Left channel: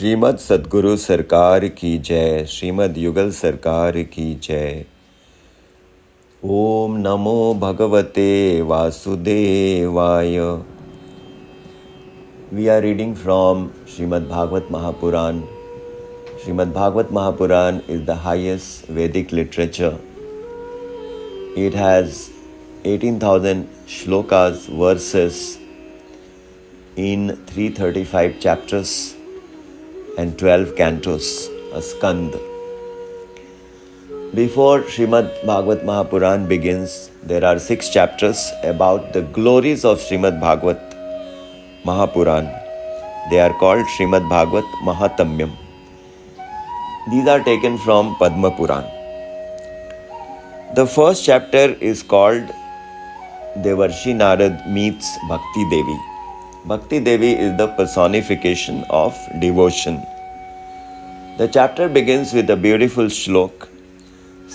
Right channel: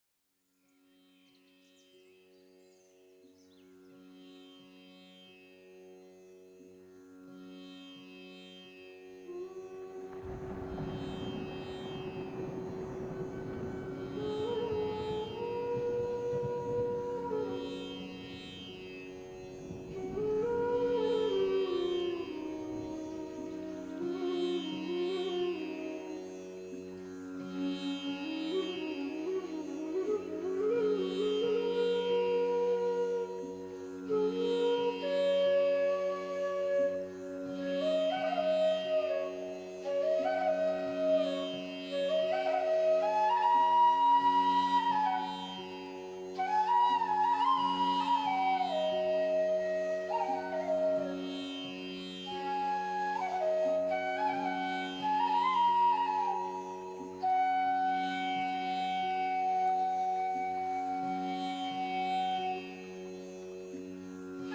श्रीमद् सद्गुरु सरकार की जय, श्रीमद् युगल सरकार की जय। ओम नमो भगवते वासुदेवाय। We are reading from Srimad Bhagavad Mahapuran. Srimad Bhagavad Mahapuran is the highest Vedic literature. It has 18,000 shlokas, verses in 335 chapters and 12 cantos, a skand. Before Srimad Bhagavad Mahapuran begins, there are 6 chapters about the glories of Srimad Bhagavad Mahapuran. They are called Srimad Bhagavad Mahatamyam. These are taken from Padma Puran. The first chapter is called Devarshi Narad meets Bhakti Devi. Bhakti Devi is the personification of devotion. The chapter begins with a beautiful shlok.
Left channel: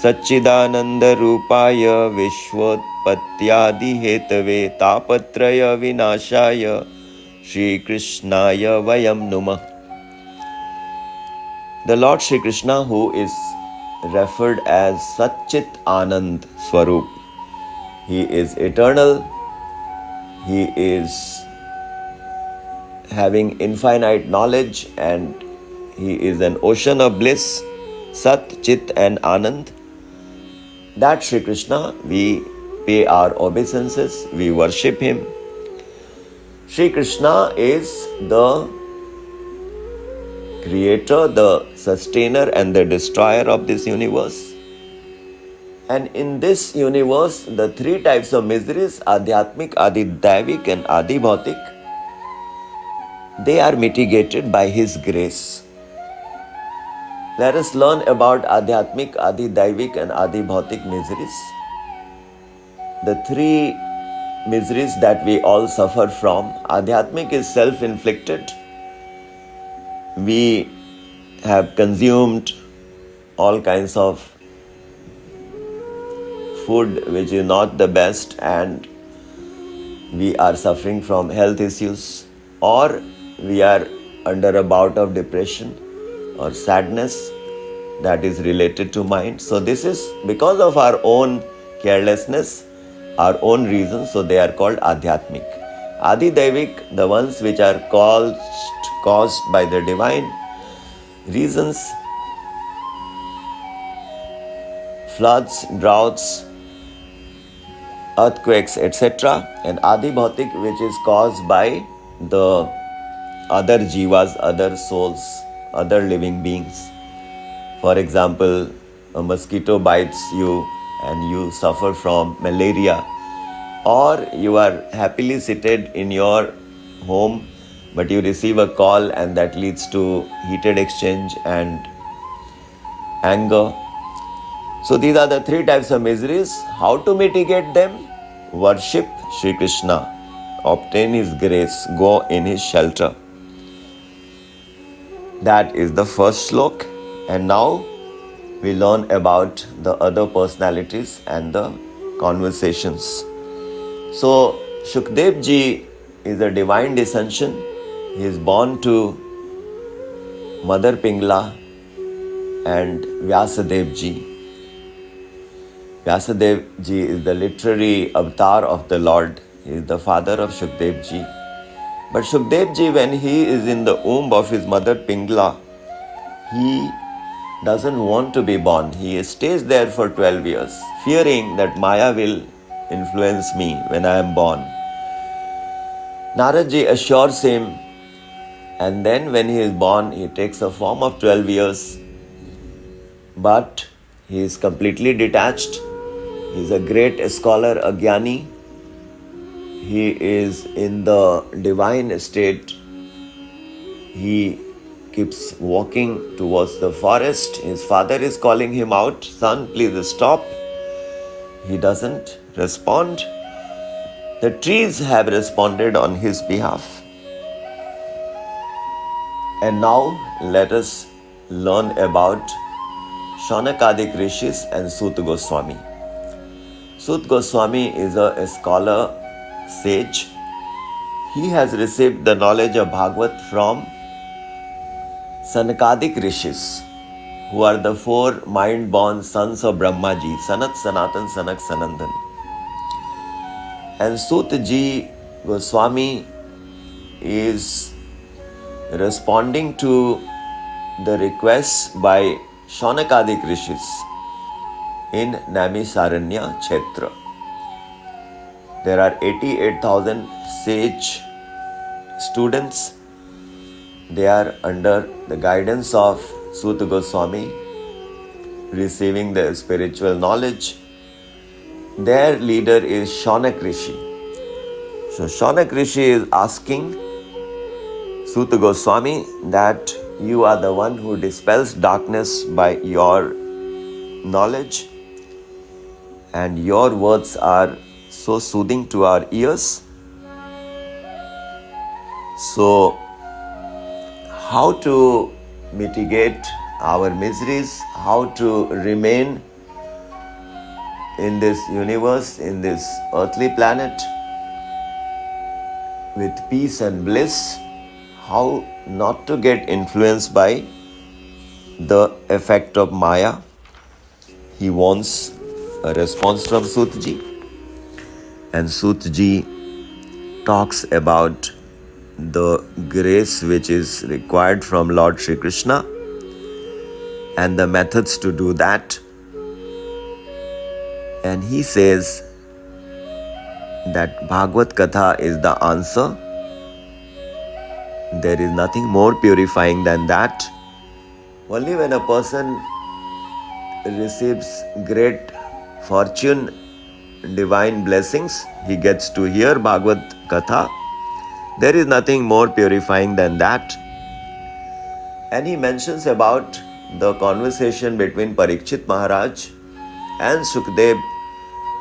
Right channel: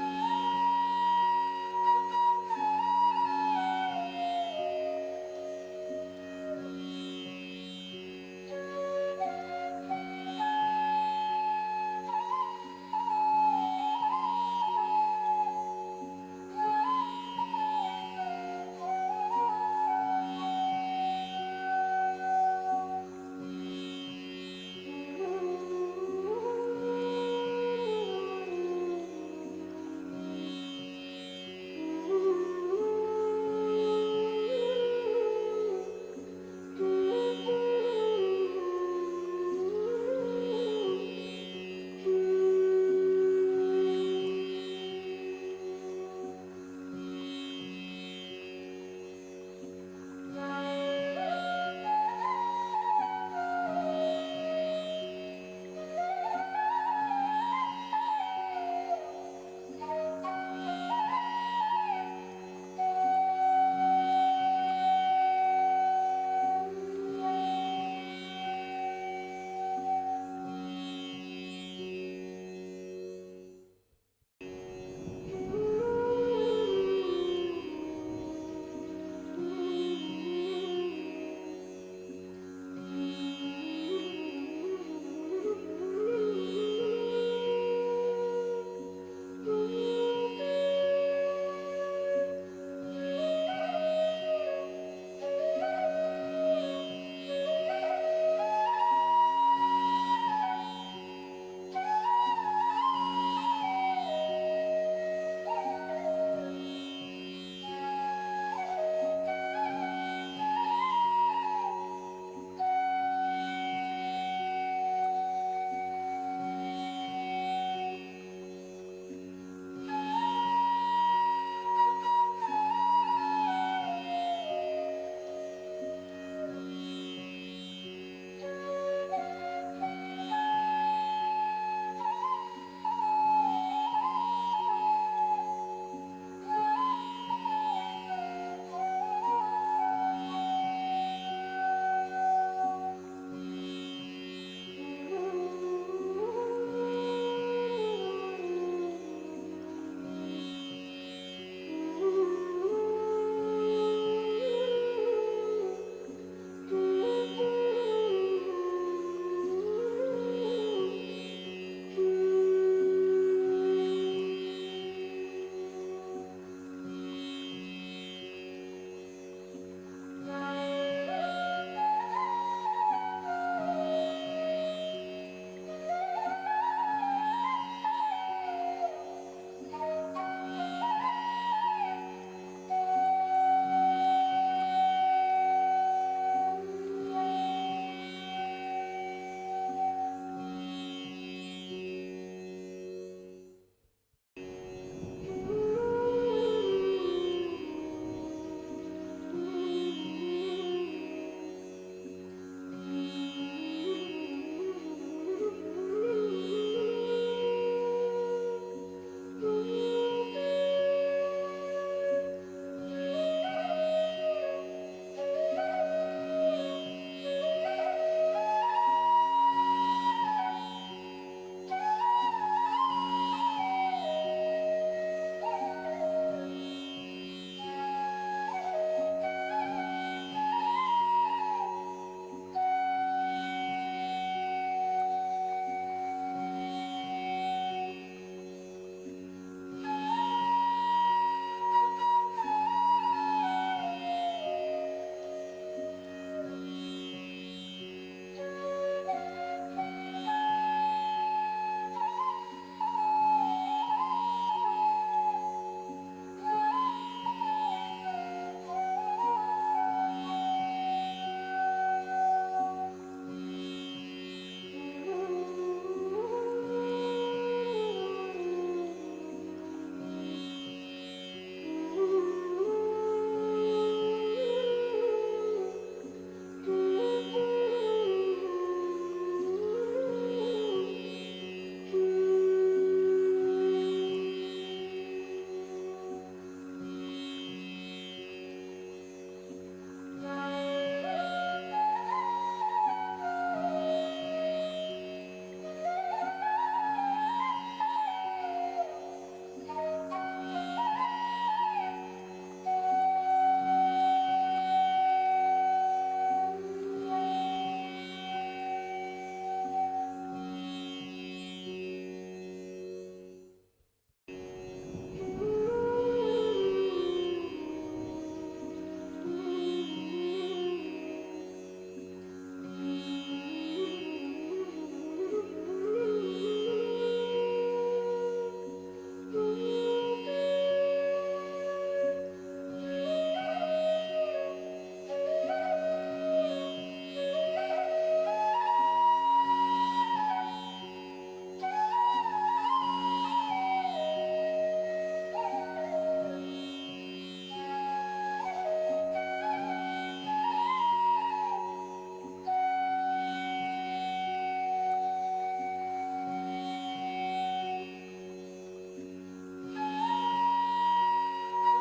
Satchidananda Rupaya Vishwotpatyadi Hetave Tapatraya Vinashaya Sri Krishnaya Vayam Numah. The Lord Sri Krishna, who is referred as Satchit Anand Swarup, He is eternal, He is having infinite knowledge, and He is an ocean of bliss, Sat, Chit and Anand. That Sri Krishna, we pay our obeisances, we worship Him. Sri Krishna is the creator, the sustainer and the destroyer of this universe. And in this universe, the 3 types of miseries, Adhyatmik, Adi-Daivik and Adi-Bhautik, they are mitigated by His grace. Let us learn about Adhyatmik, Adi-Daivik and Adi-Bhautik miseries. The 3 miseries that we all suffer from. Adhyatmik is self-inflicted. We have consumed all kinds of food which is not the best, and we are suffering from health issues, or we are under a bout of depression or sadness that is related to mind. So this is because of our own carelessness, our own reasons, so they are called Adhyatmik. Adi-Daivik, the ones which are caused by the divine reasons, floods, droughts, earthquakes, etc. And Adi-Bhautik, which is caused by the other jivas, other souls, other living beings. For example, a mosquito bites you and you suffer from malaria, or you are happily seated in your home but you receive a call and that leads to heated exchange and anger. So these are the 3 types of miseries. How to mitigate them? Worship Sri Krishna, obtain His grace, go in His shelter. That is the first slok. And now we learn about the other personalities and the conversations. So Shukdev ji is a divine descension. He is born to Mother Pingla and Vyasadev ji. Vyasadev ji is the literary avatar of the Lord. He is the father of Shukdev ji. But Shukdev ji, when he is in the womb of his mother Pingla, he doesn't want to be born. He stays there for 12 years, fearing that Maya will influence me when I am born. Narada ji assures him, and then when he is born, he takes a form of 12 years. But he is completely detached. He is a great scholar, a jnani. He is in the divine state. He keeps walking towards the forest. His father is calling him out, "Son, please stop." He doesn't respond. The trees have responded on his behalf. And now let us learn about Shaunakadik Rishis and Sut Goswami. Sut Goswami is a scholar, sage. He has received the knowledge of Bhagavad from Sankadik Rishis, who are the four mind-born sons of Brahmaji, Sanat, Sanatan, Sanak, Sanandan. And Sutaji Goswami is responding to the requests by Shaunakadik Rishis in Naimisaranya Kshetra. There are 88,000 sage students. They are under the guidance of Suta Goswami, receiving the spiritual knowledge. Their leader is Shaunak Rishi. So Shaunak Rishi is asking Suta Goswami that you are the one who dispels darkness by your knowledge, and your words are so soothing to our ears. So, how to mitigate our miseries, how to remain in this universe, in this earthly planet with peace and bliss, how not to get influenced by the effect of Maya. He wants a response from Sutji, and Sutji talks about the grace which is required from Lord Sri Krishna and the methods to do that. And he says that Bhagavad Katha is the answer. There is nothing more purifying than that. Only when a person receives great fortune, divine blessings, he gets to hear Bhagavad Katha. There is nothing more purifying than that. And he mentions about the conversation between Parikshit Maharaj and Shukdev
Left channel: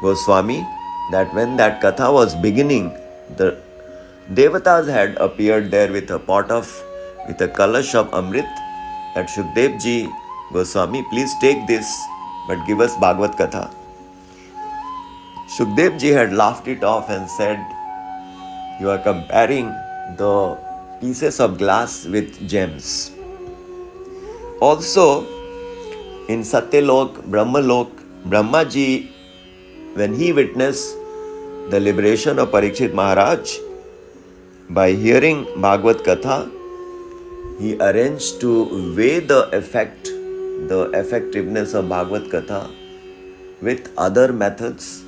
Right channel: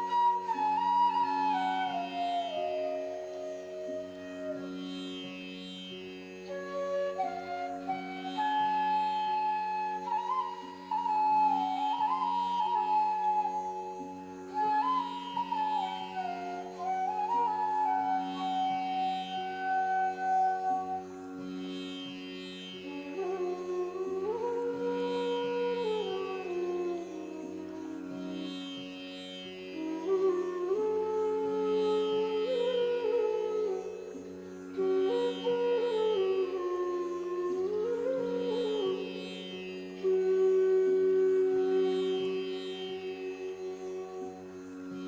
Goswami, that when that Katha was beginning, the Devatas had appeared there with a kalash of Amrit, that Shukdev ji Goswami, please take this, but give us Bhagavad Katha. Shukdev ji had laughed it off and said, you are comparing the pieces of glass with gems. Also, in Satyalok, Brahmalok, Brahmaji, when he witnessed the liberation of Parikshit Maharaj, by hearing Bhagavad Katha, he arranged to weigh the effectiveness of Bhagavad Katha with other methods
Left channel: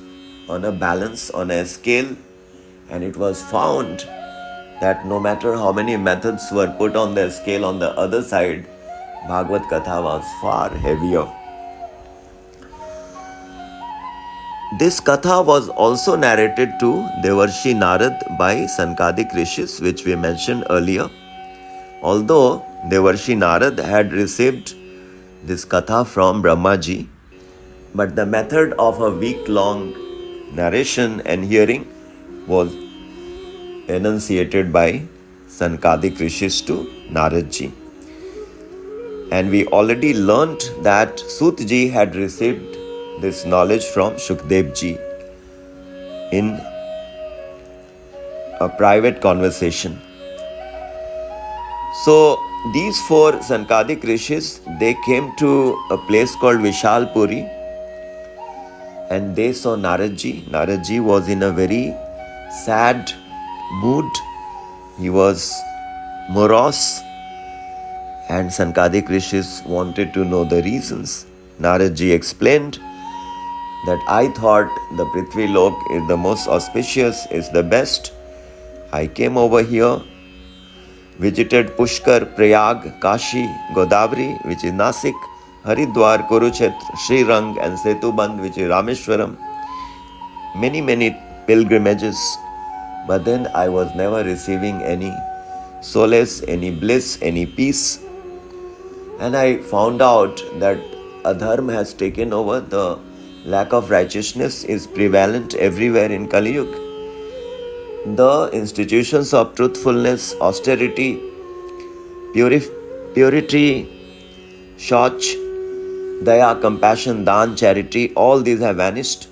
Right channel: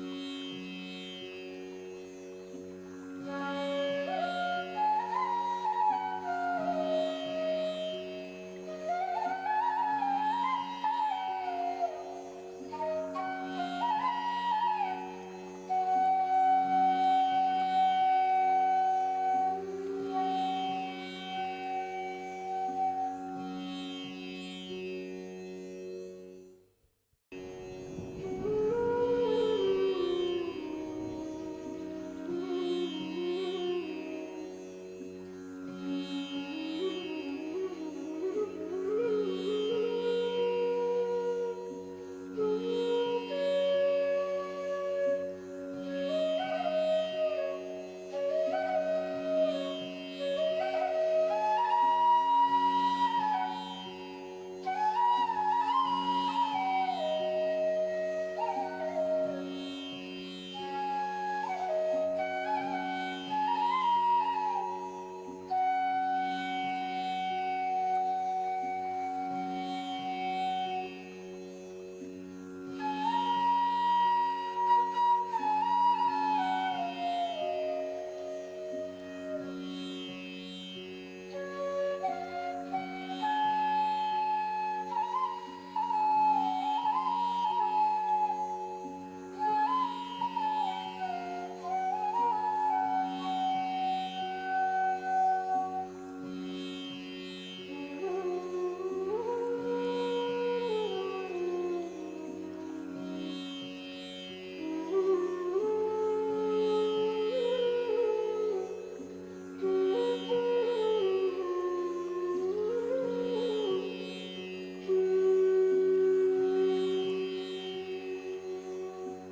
on a balance, on a scale, and it was found that no matter how many methods were put on the scale on the other side, Bhagavad Katha was far heavier. This Katha was also narrated to Devarshi Narad by Sankadik Rishis, which we mentioned earlier. Although Devarshi Narad had received this Katha from Brahmaji, but the method of a week-long narration and hearing was enunciated by Sankadik Rishis to Naradji. And we already learnt that Sutji had received this knowledge from Shukdev ji in a private conversation. So these four Sankadik Rishis, they came to a place called Vishalpuri, and they saw Naradji. Naradji was in a very sad mood. He was morose, and Sankadik Rishis wanted to know the reasons. Naradji explained that I thought the Prithvi Lok is the most auspicious, is the best. I came over here, visited Pushkar, Prayag, Kashi, Godavari, which is Nasik, Haridwar, Kurukshetra, Sri Rang and Setubandh, which is Rameshwaram. Many pilgrimages. But then I was never receiving any solace, any bliss, any peace. And I found out that adharma has taken over. The lack of righteousness is prevalent everywhere in Kali Yuga. The institutions of truthfulness, austerity, purity, shauch, daya, compassion, dan, charity, all these have vanished.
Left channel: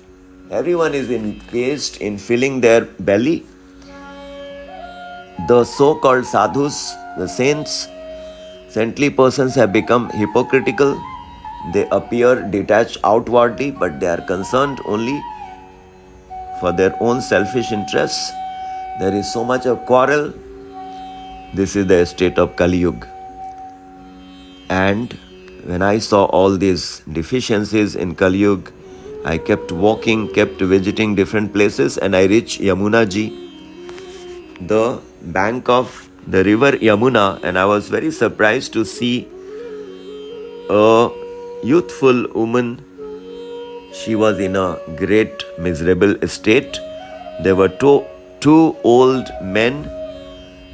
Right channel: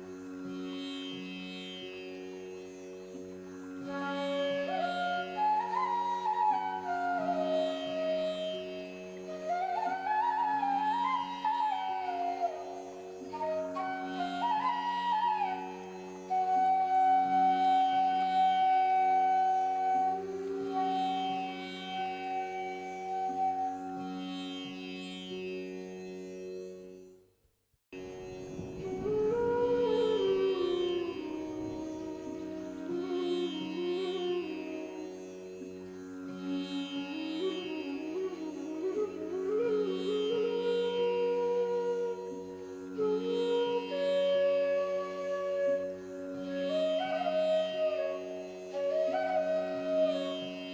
Everyone is engaged in filling their belly. The so-called sadhus, the saints, Saintly persons have become hypocritical. They appear detached outwardly, but they are concerned only for their own selfish interests. There is so much of quarrel. This is the state of Kali Yuga. And when I saw all these deficiencies in Kali Yuga, I kept walking, kept visiting different places, and I reached Yamuna Ji, the bank of the river Yamuna, and I was very surprised to see a youthful woman. She was in a great miserable state. There were two old men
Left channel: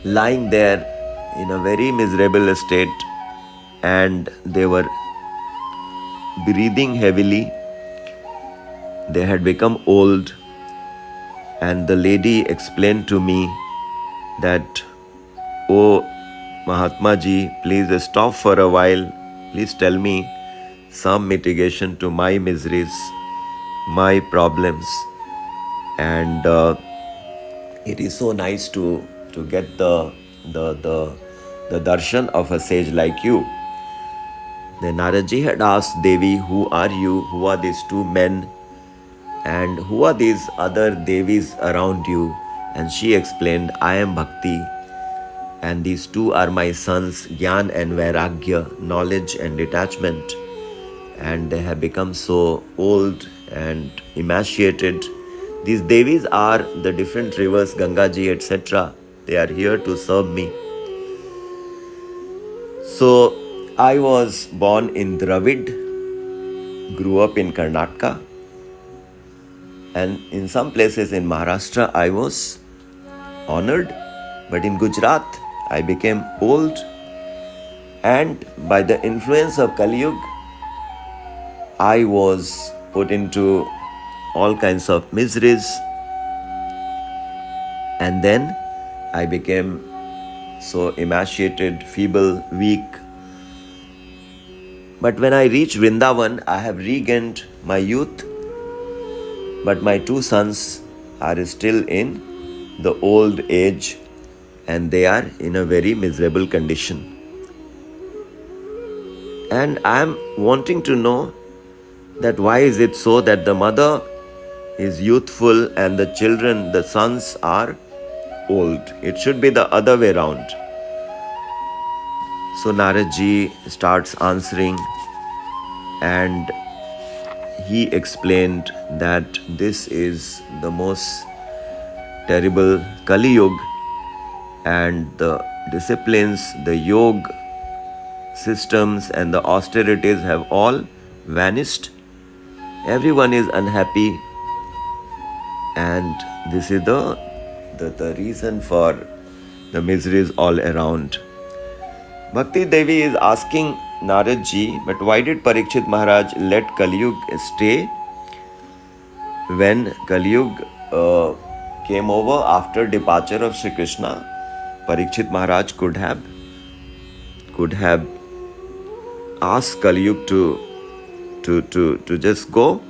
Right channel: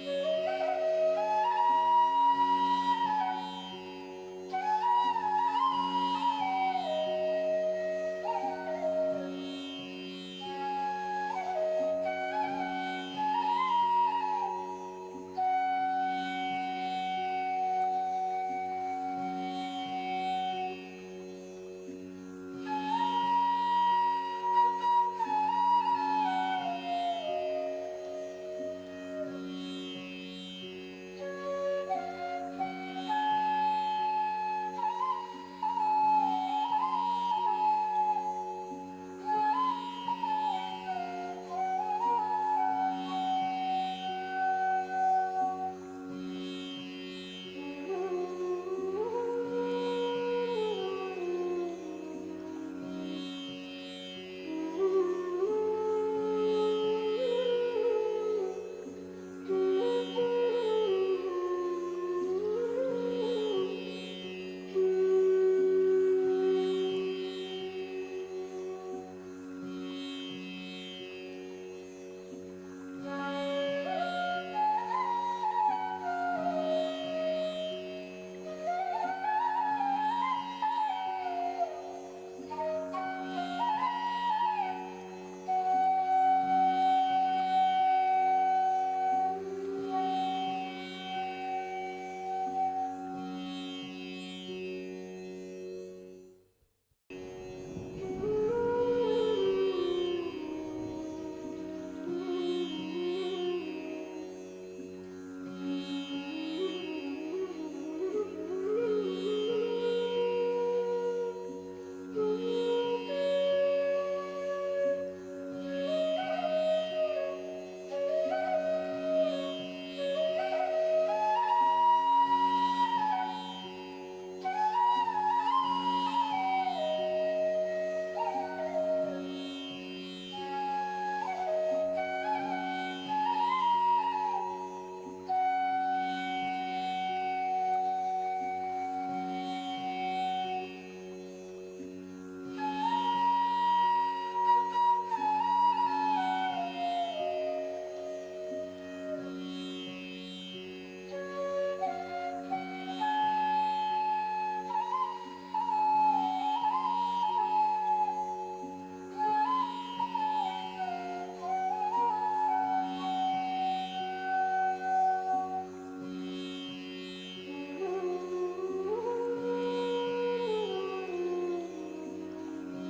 lying there in a very miserable state, and they were breathing heavily. They had become old, and the lady explained to me that, "Oh, Mahatma Ji, please stop for a while. Please tell me some mitigation to my miseries, my problems." And it is so nice to get the darshan of a sage like you. Then Naradaji had asked Devi, "Who are you? Who are these two men? And who are these other Devis around you?" And she explained, "I am Bhakti, and these two are my sons, Gyan and Vairagya, knowledge and detachment. And they have become so old and emaciated. These Devis are the different rivers, Gangaji, etc. They are here to serve me." So I was born in Dravid, grew up in Karnataka, and in some places in Maharashtra I was honored, but in Gujarat I became old, and by the influence of Kali Yuga I was put into all kinds of miseries, and then I became so emaciated, feeble, weak. But when I reached Vrindavan, I have regained my youth, but my two sons are still in the old age, and they are in a very miserable condition. And I am wanting to know that why is it so that the mother is youthful and the children, the sons, are old? It should be the other way round. So Naradji starts answering, and he explained that this is the most terrible Kali Yuga, and the disciplines, the yoga systems and the austerities have all vanished. Everyone is unhappy, and this is the reason for the miseries all around. Bhakti Devi is asking Naradji, but why did Parikshit Maharaj let Kali Yuga stay? When Kali Yuga came over after departure of Sri Krishna, Parikshit Maharaj could have asked Kali Yuga to just go,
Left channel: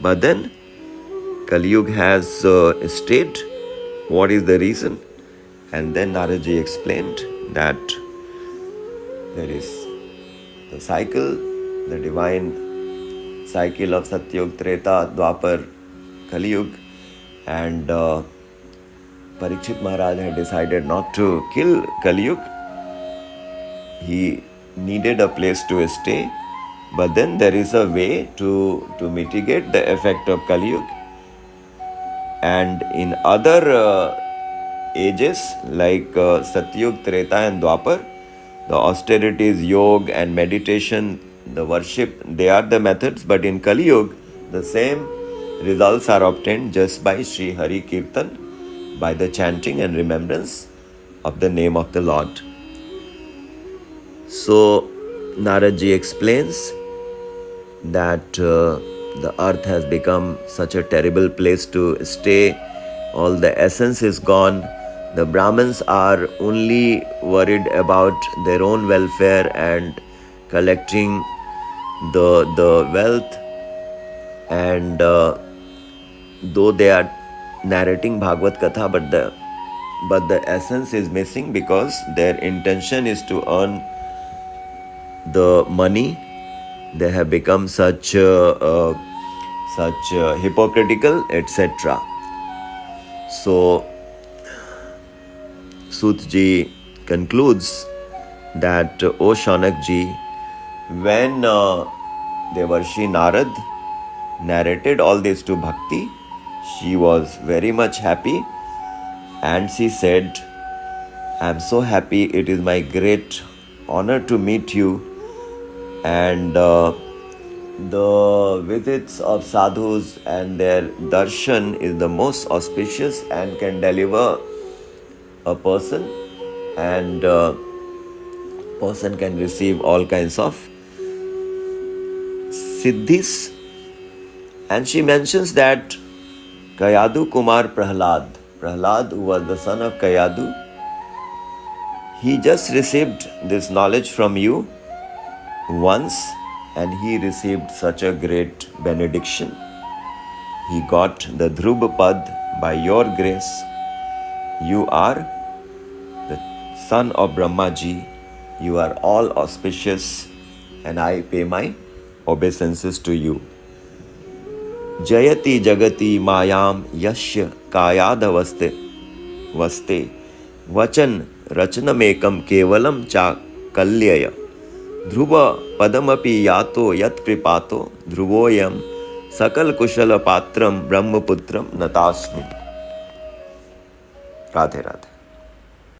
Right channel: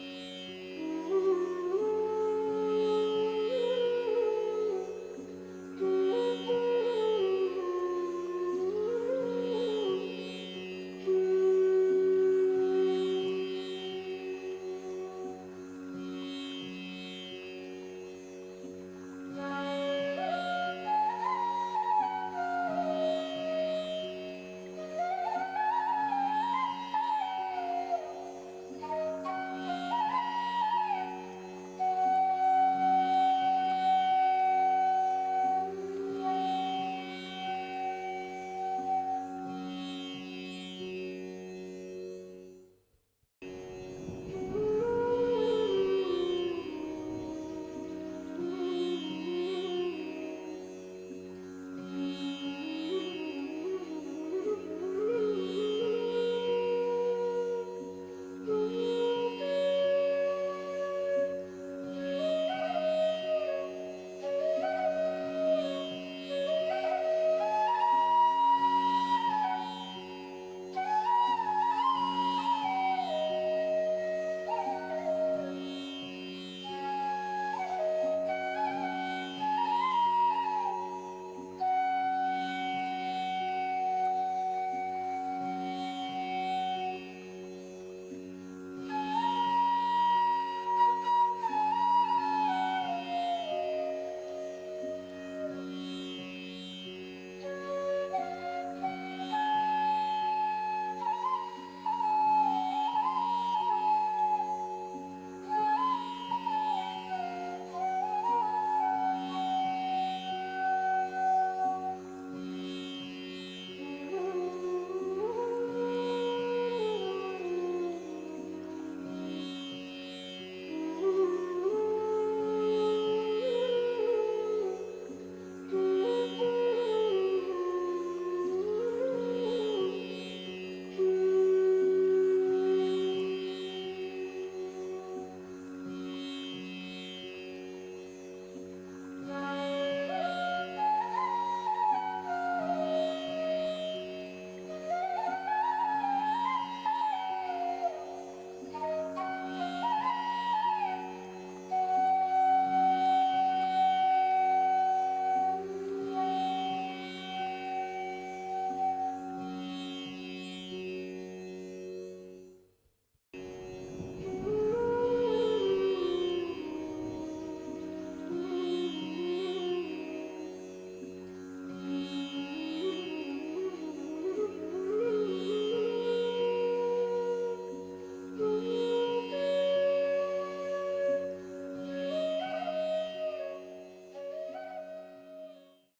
but then Kali Yuga has stayed. What is the reason? And then Naradji explained that there is the cycle, the divine cycle of Satyug, Treta, Dwapar, Kali Yuga, and Parikshit Maharaj had decided not to kill Kali Yuga. He needed a place to stay, but then there is a way to mitigate the effect of Kali Yuga. And in other ages like Satyug, Treta and Dwapar, the austerities, yoga and meditation, the worship, they are the methods, but in Kali Yuga, the same results are obtained just by Sri Hari Kirtan, by the chanting and remembrance of the name of the Lord. So Naradji explains that the earth has become such a terrible place to stay. All the essence is gone. The Brahmins are only worried about their own welfare and collecting the wealth, and though they are narrating Bhagavad Katha, but the essence is missing, because their intention is to earn the money, they have become such hypocritical, etc. So Sutji concludes that, O Shaunakji, when Devarshi Narad narrated all this to Bhakti, she was very much happy, and she said, I am so happy, it is my great honor to meet you, and the visits of sadhus and their darshan is the most auspicious and can deliver a person, and person can receive all kinds of siddhis. And she mentions that Kayadu Kumar Prahlad, who was the son of Kayadu, he just received this knowledge from you once, and he received such a great benediction. He got the Dhruva Pad by your grace. You are the son of Brahmaji. You are all auspicious, and I pay my obeisances to you. Jayati Jagati Mayam Yashya Kayadavaste Vaste Vachan Rachanamekam Kevalam Cha Kalyaya Dhruva Padamapi Yato Yat Pripato Dhruvoyam Sakal Kushala Patram Brahmaputram Natasmi. Radhe Radhe.